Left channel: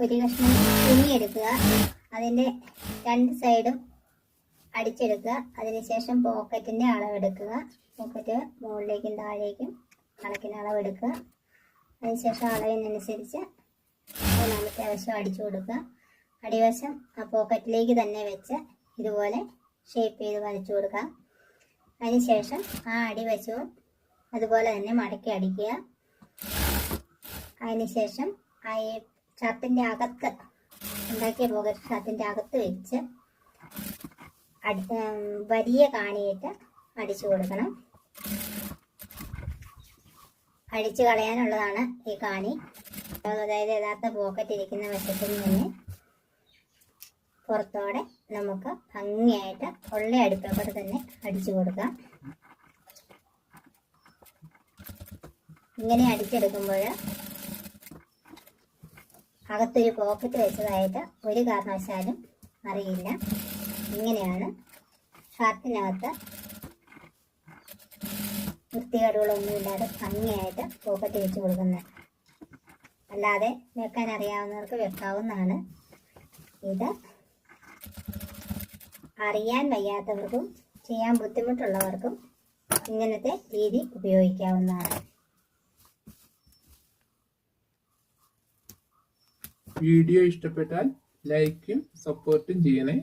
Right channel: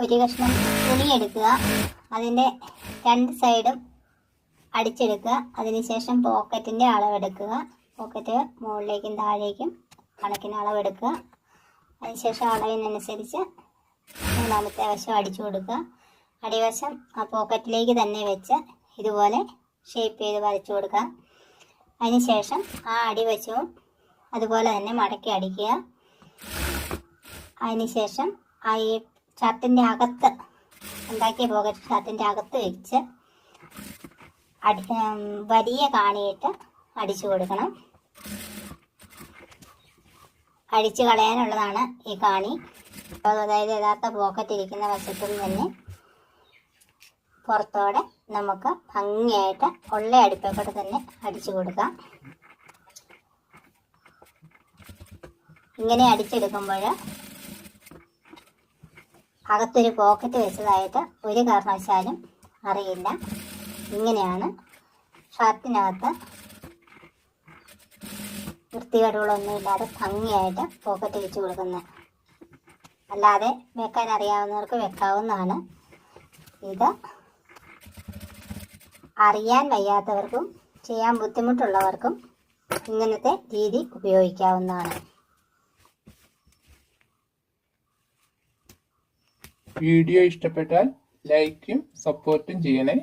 ഒരു കഷ്ണം തുണി എടുക്കുക, അതിൻ്റെ രണ്ട് സൈഡും അടിച്ചെടുക്കുക. അതിനുശേഷം പോക്കറ്റിൻ്റെ അളവെടുക്കുക. പോക്കറ്റ് മുകളിലേക്കും താഴേക്കും കണക്കിന് അളവെടുക്കുക. അതിനുശേഷം അളവിനനുസരിച്ച് മൂന്നാമത്തെ വശം അടിച്ചു കൊടുക്കുക. അടിവശം ആ പോക്കറ്റിലേക്ക് തന്നെ വെച്ച് ഇതുപോലെ ഷേപ്പ് ചെയ്ത് വരച്ചു കൊടുക്കുക. അതിനുശേഷം ആ അടിവശവും അതുപോലെ തന്നെ മടക്കി അടിക്കുക. അതിനുശേഷം ആ ഈ ഷർട്ടിൻ്റെ അകത്ത് ഉണ്ടാക്കിയ പോക്കറ്റ് ഷർട്ടിൻ്റെ അകത്ത് വെച്ച് വലിയ കാണിയിട്ട് അടിച്ചു കൊടുക്കണം. അടിച്ചു കളയാനുള്ളതാണ് ഈ കാണി. അതായത് യഥാർത്ഥ പോക്കറ്റ് ഇരിക്കുന്ന വശത്തു നിന്ന് തന്നെ പുറത്തോടെ നമുക്ക് ഭംഗിയായിട്ട് ഉള്ള അടുപ്പേക്കൂടെ തന്നെ അടിച്ചു കൊടുക്കാം. ഇങ്ങനെ അടിച്ചെടുക്കുമ്പോൾ അകത്തൊരു പോക്കറ്റ് വെച്ചതായിട്ട് ഒരു കാരണവശാലും അറിയില്ല. ഇങ്ങനെയാണ് ഷർട്ടിനകത്ത് വൃത്തികേടുകളൊന്നുമില്ലാതെ ഭംഗിയായിട്ട് പോക്കറ്റ് വെച്ച് കൊടുക്കുന്നത്. അല്ലാതെ വെക്കാൻ അറിയാവുന്നവർക്ക് വെക്കാവുന്നതാണ്. ഇത് അറിയാൻ വയ്യാത്തവർക്കും ചെയ്യാൻ ബുദ്ധിമുട്ടുള്ളവർക്കും ഇങ്ങനത്തെ രീതി ഉപയോഗിക്കാവുന്നതാണ്. വീഡിയോ ഇഷ്ടപ്പെട്ടാൽ ലൈക്കും സപ്പോർട്ടും ചെയ്യണേ.